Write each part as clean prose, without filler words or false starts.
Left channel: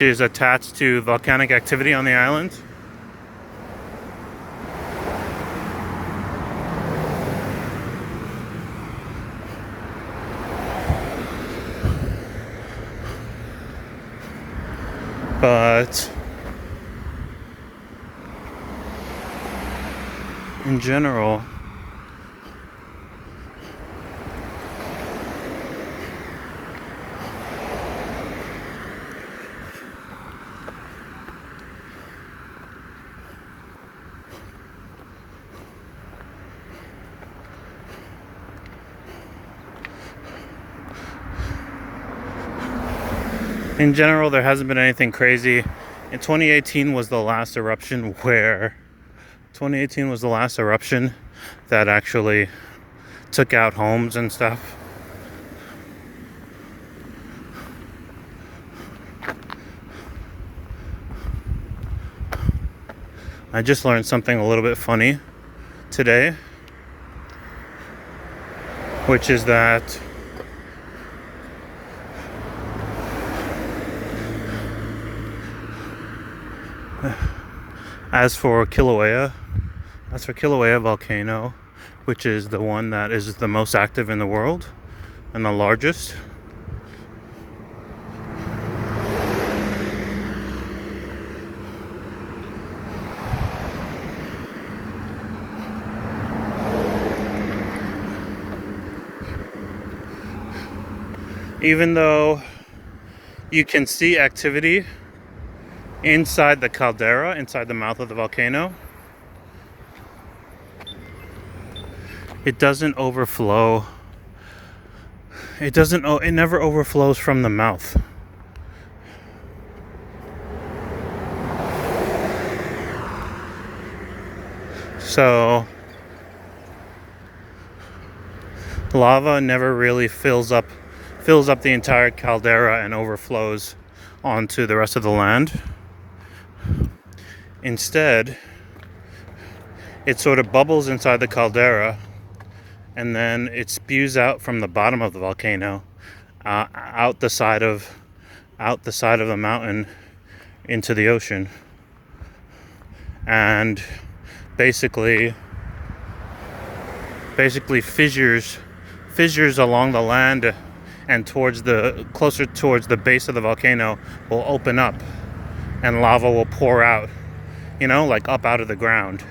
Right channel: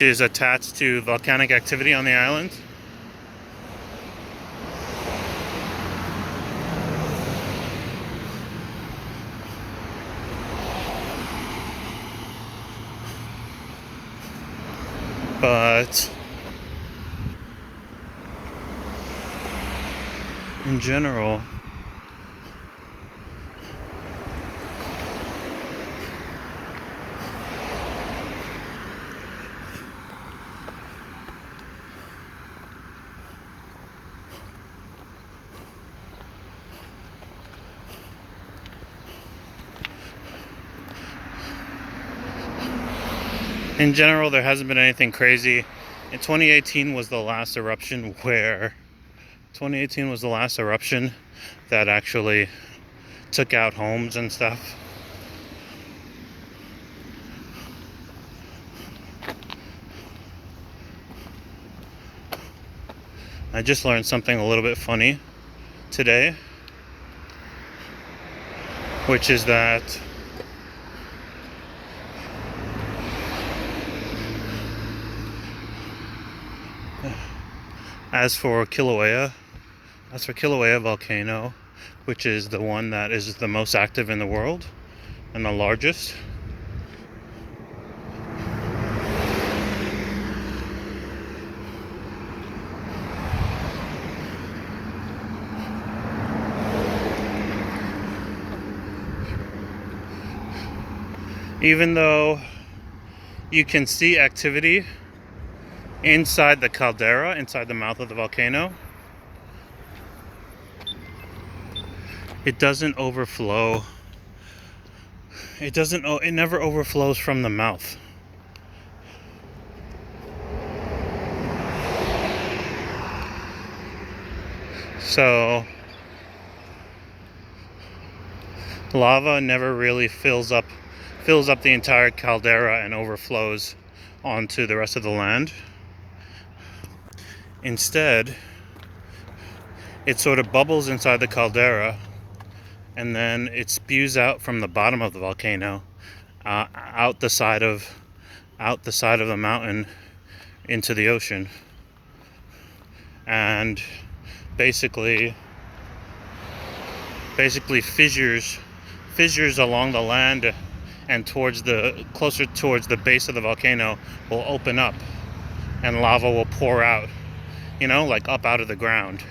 Is attached to volcanic activity on the island. But in general, there hasn't been anything crazy. In 2018 was the last eruption that actually took out homes and stuff. I just learned something a little bit funny today, which is that as for Kilauea volcano, which is the one that is the most active in the world and the largest, even though you can see activity inside the caldera, inside the mouth of the volcano, it doesn't overflow. It never overflows from the mouth. So lava never really fills up the entire caldera and overflows onto the rest of the land. Instead, it sort of bubbles inside the caldera, and then it spews out from the bottom of the volcano, out the side of the mountain into the ocean, and basically fissures along the land and closer towards the base of the volcano will open up, and lava will pour out, like up out of the ground.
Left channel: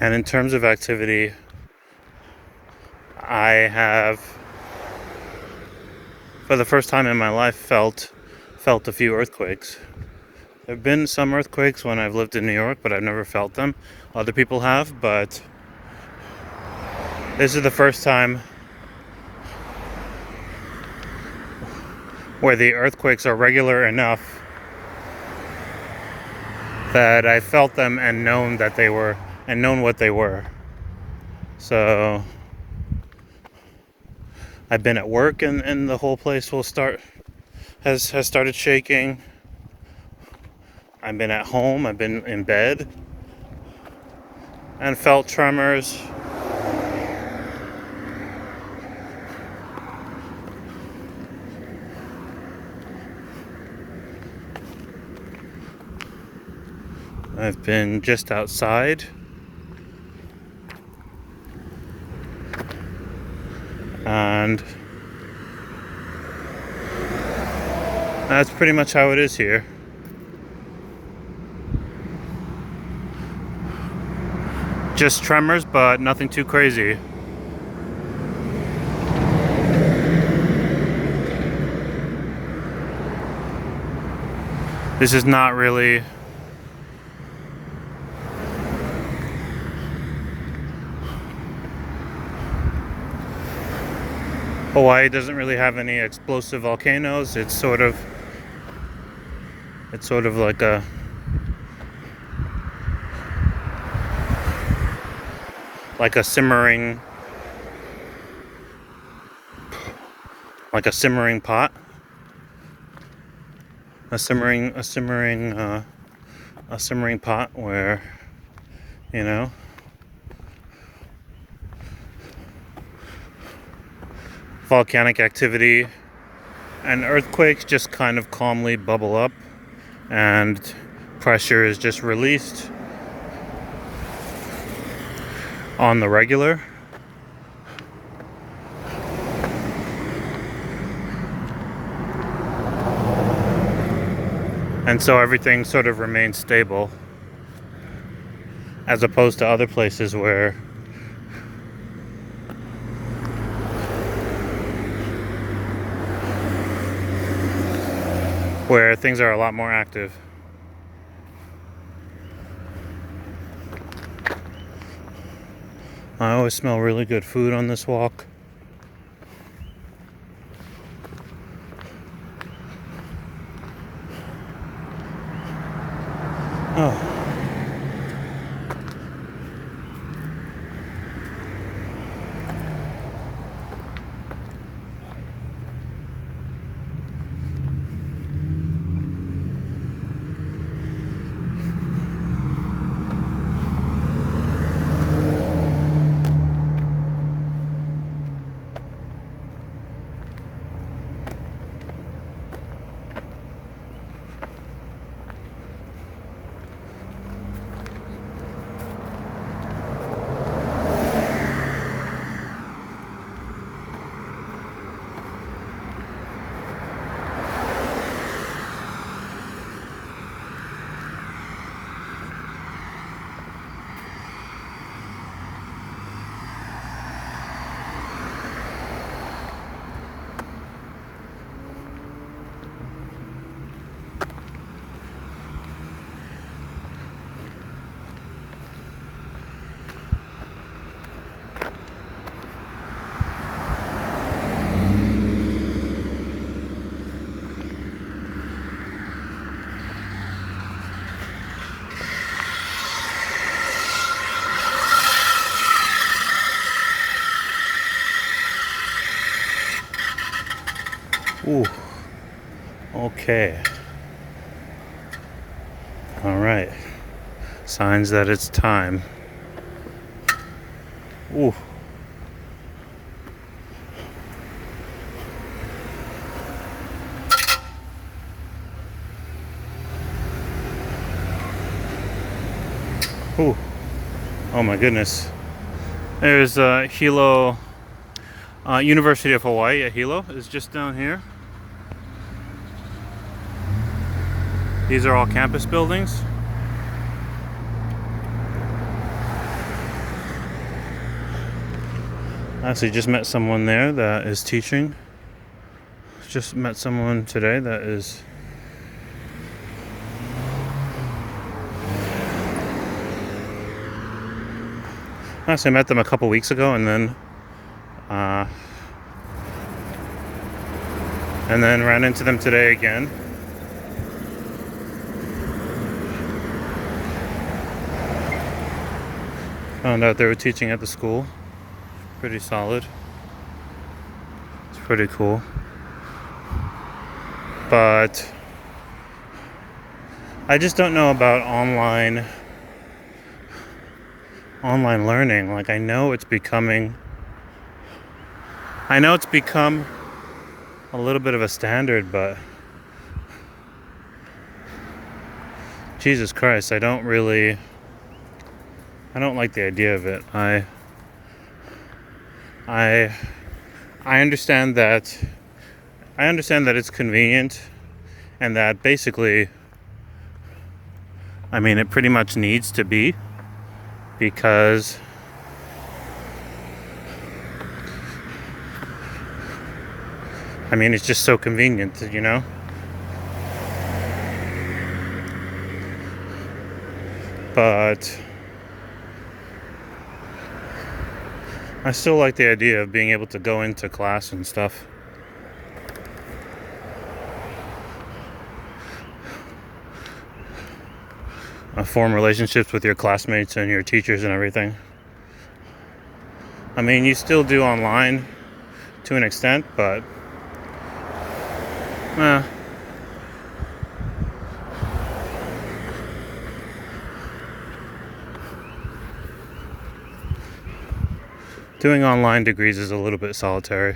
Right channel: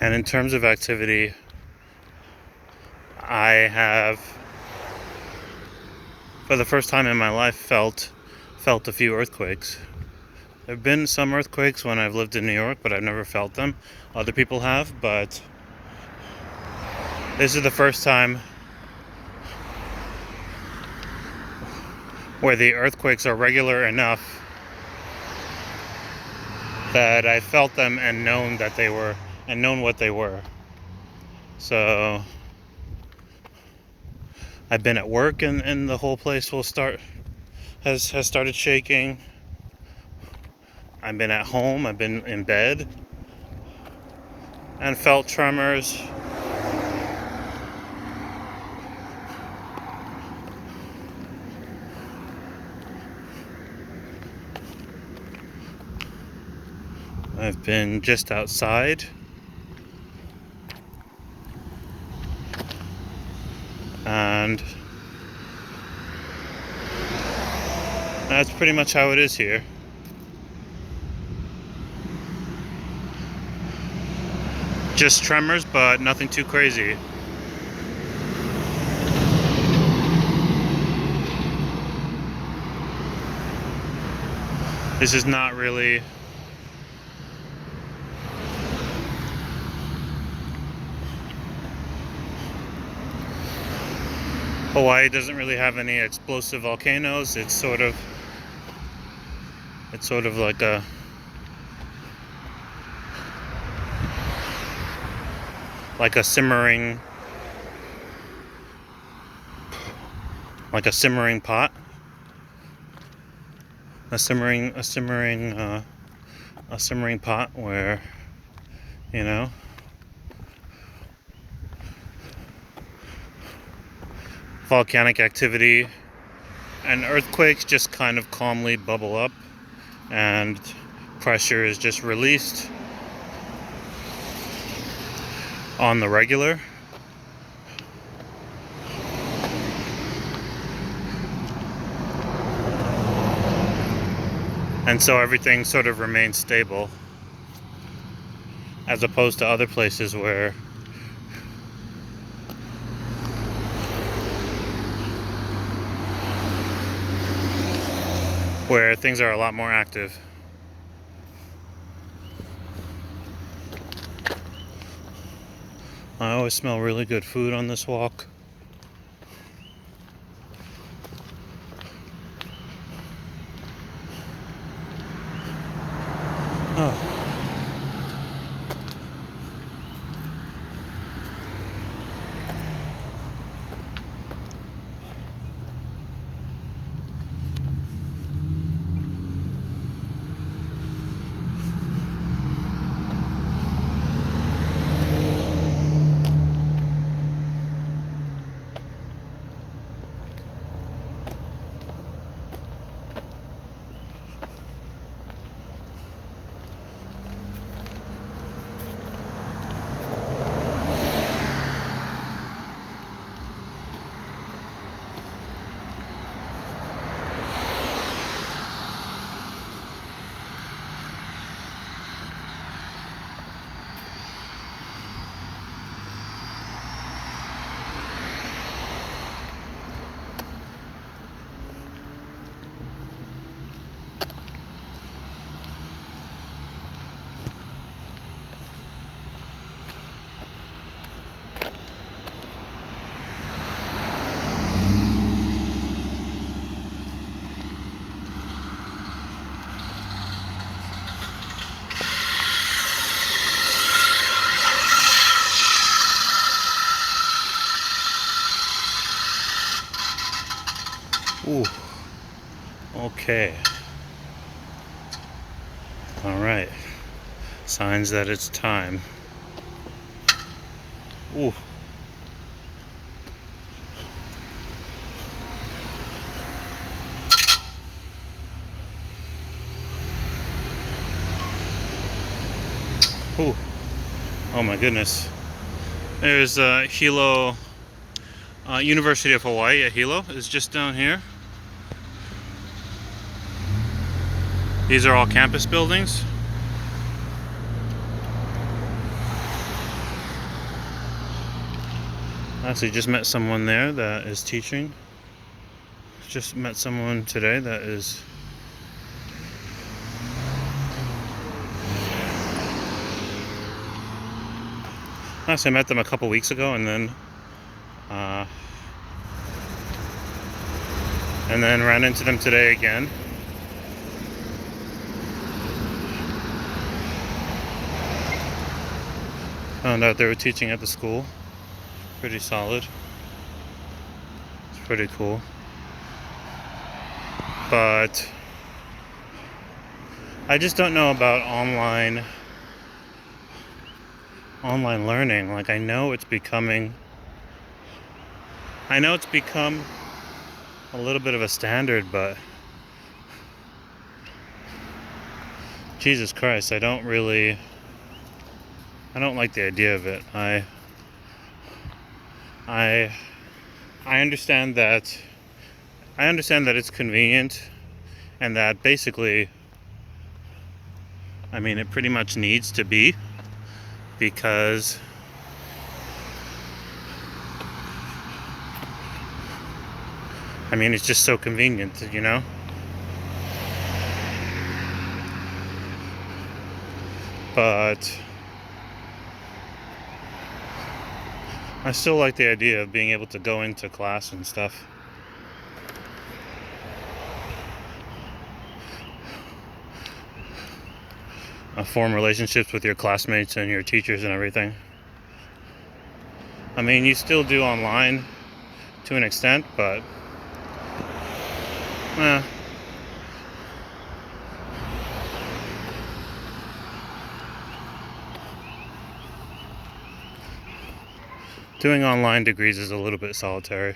And in terms of activity, I have, for the first time in my life, felt a few earthquakes. There have been some earthquakes when I've lived in New York, but I've never felt them. Other people have, but this is the first time where the earthquakes are regular enough that I felt them and known what they were. So I've been at work and the whole place has started shaking. I've been at home, I've been in bed and felt tremors. I've been just outside, and that's pretty much how it is here. Just tremors, but nothing too crazy. This is not really Hawaii doesn't really have any explosive volcanoes. It's sort of like a simmering pot, a simmering pot where, you know, volcanic activity and earthquakes just kind of calmly bubble up, and pressure is just released on the regular. And so everything sort of remains stable, as opposed to other places where things are a lot more active. I always smell really good food on this walk. Oh. Ooh. Okay. All right. Signs that it's time. Ooh. Ooh. Oh my goodness. There's Hilo University of Hawaii at Hilo is just down here. These are all campus buildings. Actually just met someone there that is teaching. Just met someone today that is actually I met them a couple weeks ago, and then ran into them today again. Found out they were teaching at the school. Pretty solid. It's pretty cool. But I just don't know about online learning. Like, I know it's become a little bit of a standard, but Jesus Christ, I don't like the idea of it. I understand that it's convenient, and that basically, I mean, it pretty much needs to be, because I mean, it's just so convenient, you know? But I still like the idea of being able to go into class and stuff. Form relationships with your classmates and your teachers and everything. I mean, you still do online to an extent, but doing online degrees is a little bit solitary.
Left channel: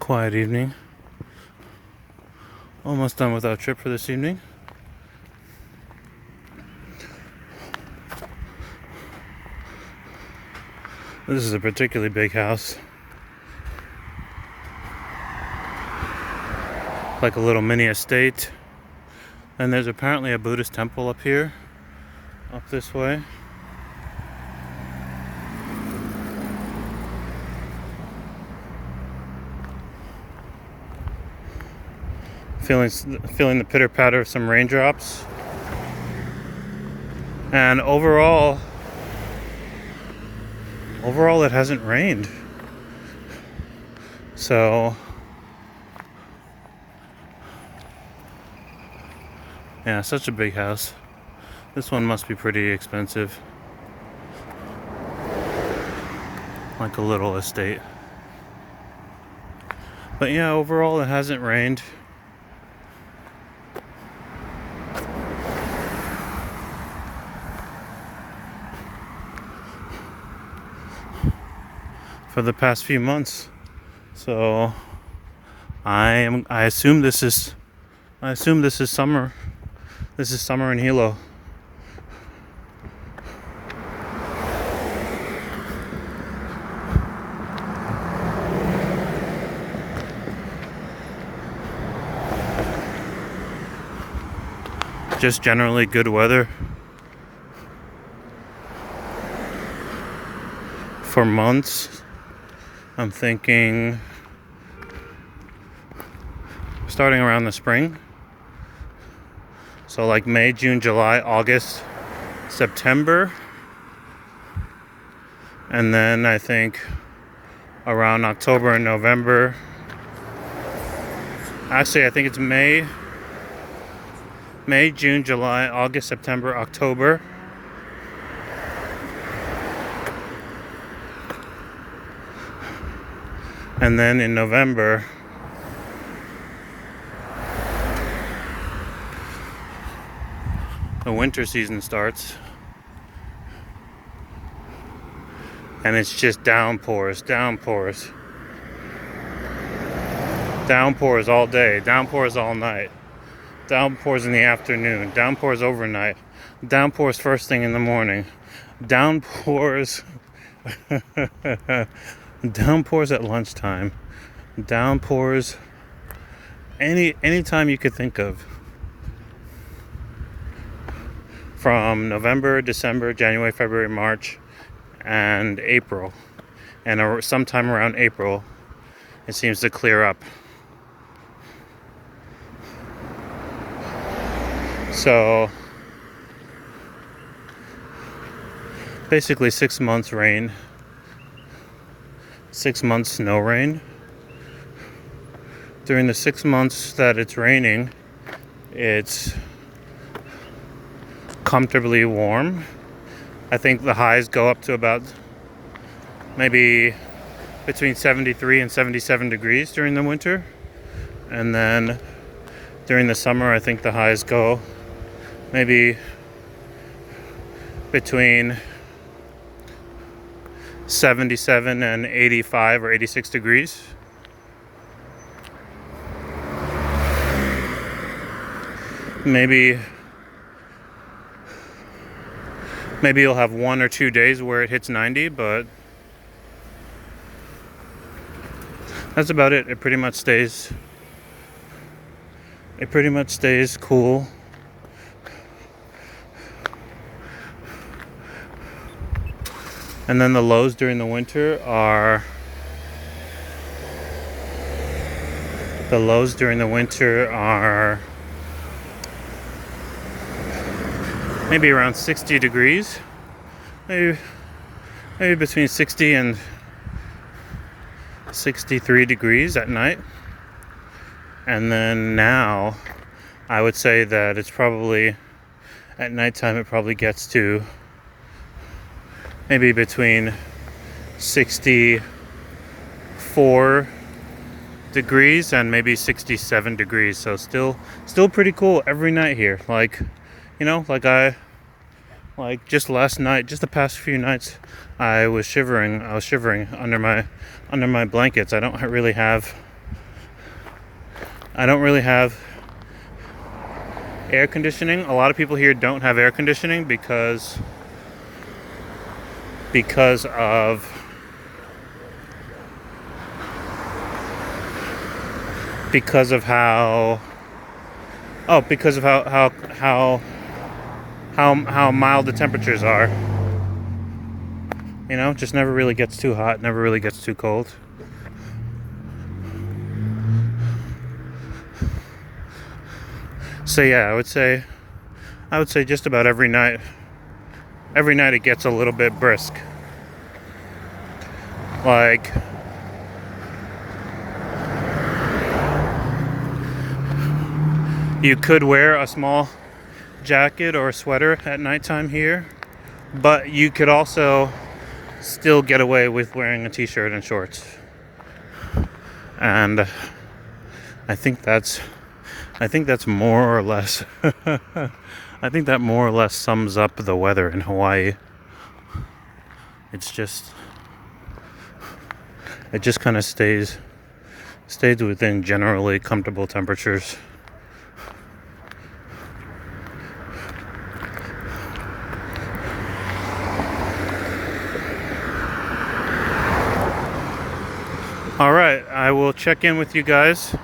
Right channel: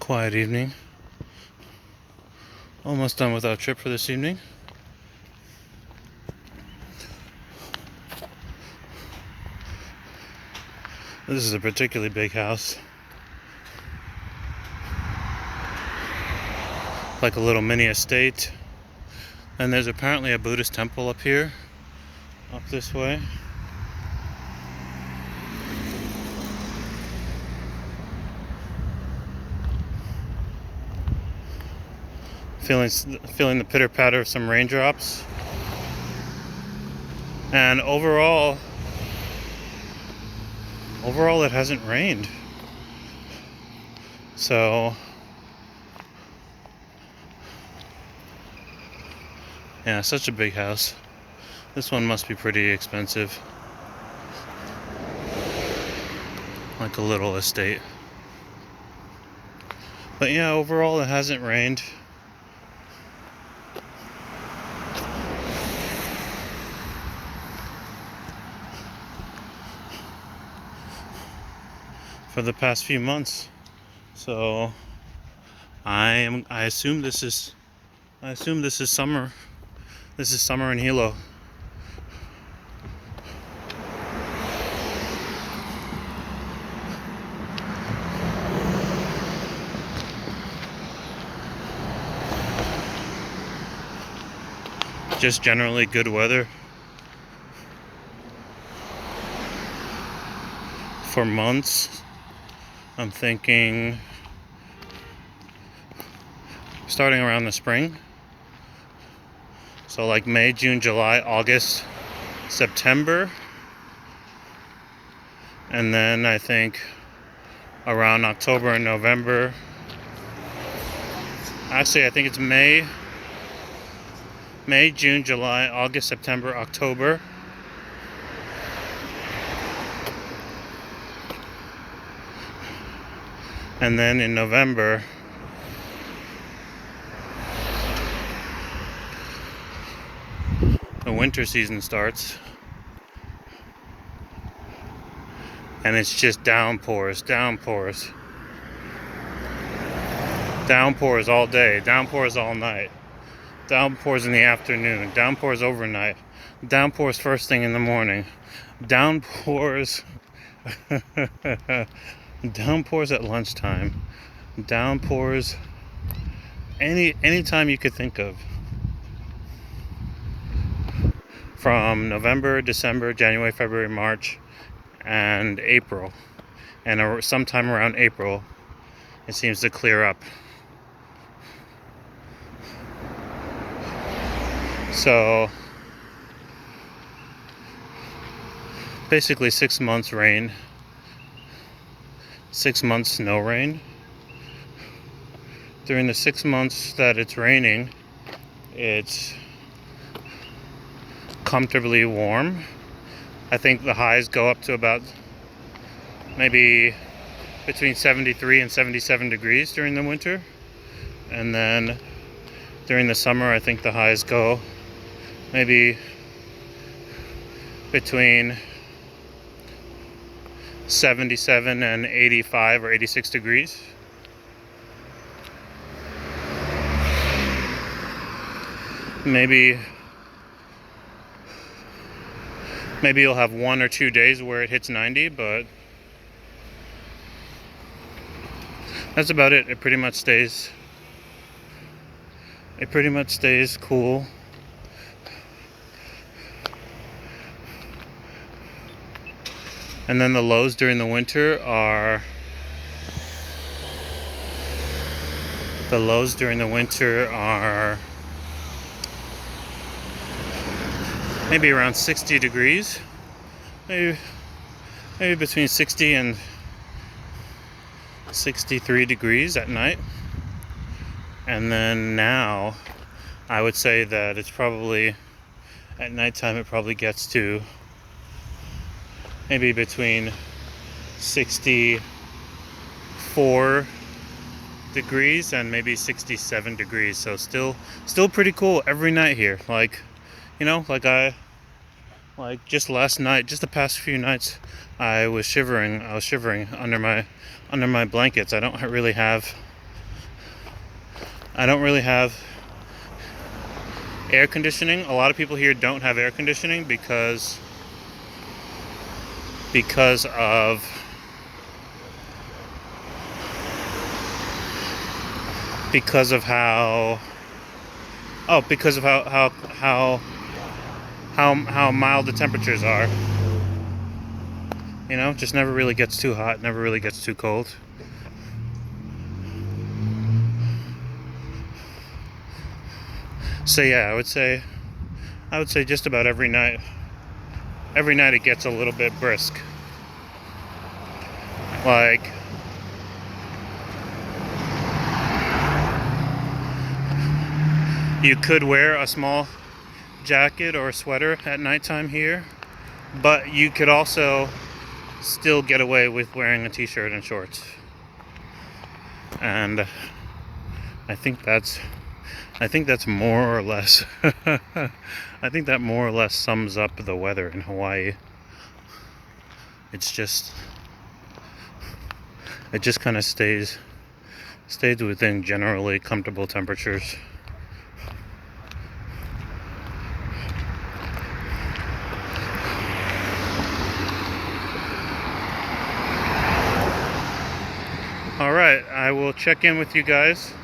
Quiet evening. Almost done with our trip for this evening. This is a particularly big house. Like a little mini estate. And there's apparently a Buddhist temple up here, up this way. Feeling the pitter patter of some raindrops. And overall it hasn't rained. So yeah, such a big house. This one must be pretty expensive. Like a little estate. But yeah, overall it hasn't rained. For the past few months. So I assume this is summer. This is summer in Hilo. Just generally good weather for months. I'm thinking starting around the spring. So like May, June, July, August, September. And then I think around October and November. Actually, I think it's May, May, June, July, August, September, October. And then in November, the winter season starts. And it's just downpours, downpours. Downpours all day, downpours all night. Downpours in the afternoon, downpours overnight, downpours first thing in the morning, downpours downpours at lunchtime, downpours any time you could think of. From November, December, January, February, March, and April. And sometime around April, it seems to clear up. So basically 6 months rain, 6 months no rain. During the 6 months that it's raining, it's comfortably warm. I think the highs go up to about maybe between 73 and 77 degrees during the winter. And then during the summer, I think the highs go maybe between 77 and 85 or 86 degrees. Maybe you'll have 1 or 2 days where it hits 90, but that's about it. It pretty much stays cool. And then the lows during the winter are maybe around 60 degrees. Maybe between 60 and 63 degrees at night. And then now I would say that it's probably at nighttime it probably gets to maybe between 64 degrees and maybe 67 degrees. So still pretty cool every night here. Like, you know, like just last night, just the past few nights, I was shivering under my blankets. I don't really have air conditioning. A lot of people here don't have air conditioning because of how mild the temperatures are. You know, just never really gets too hot, never really gets too cold. So yeah, I would say just about every night it gets a little bit brisk. Like, you could wear a small jacket or a sweater at nighttime here, but you could also still get away with wearing a t-shirt and shorts. And I think that's more or less I think that more or less sums up the weather in Hawaii. It just kind of stays within generally comfortable temperatures. All right, I will check in with you guys.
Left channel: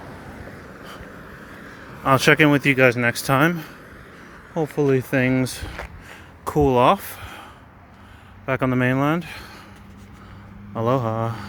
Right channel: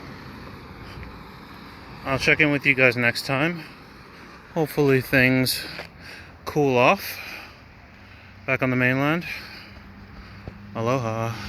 I'll check in with you guys next time. Hopefully things cool off back on the mainland. Aloha.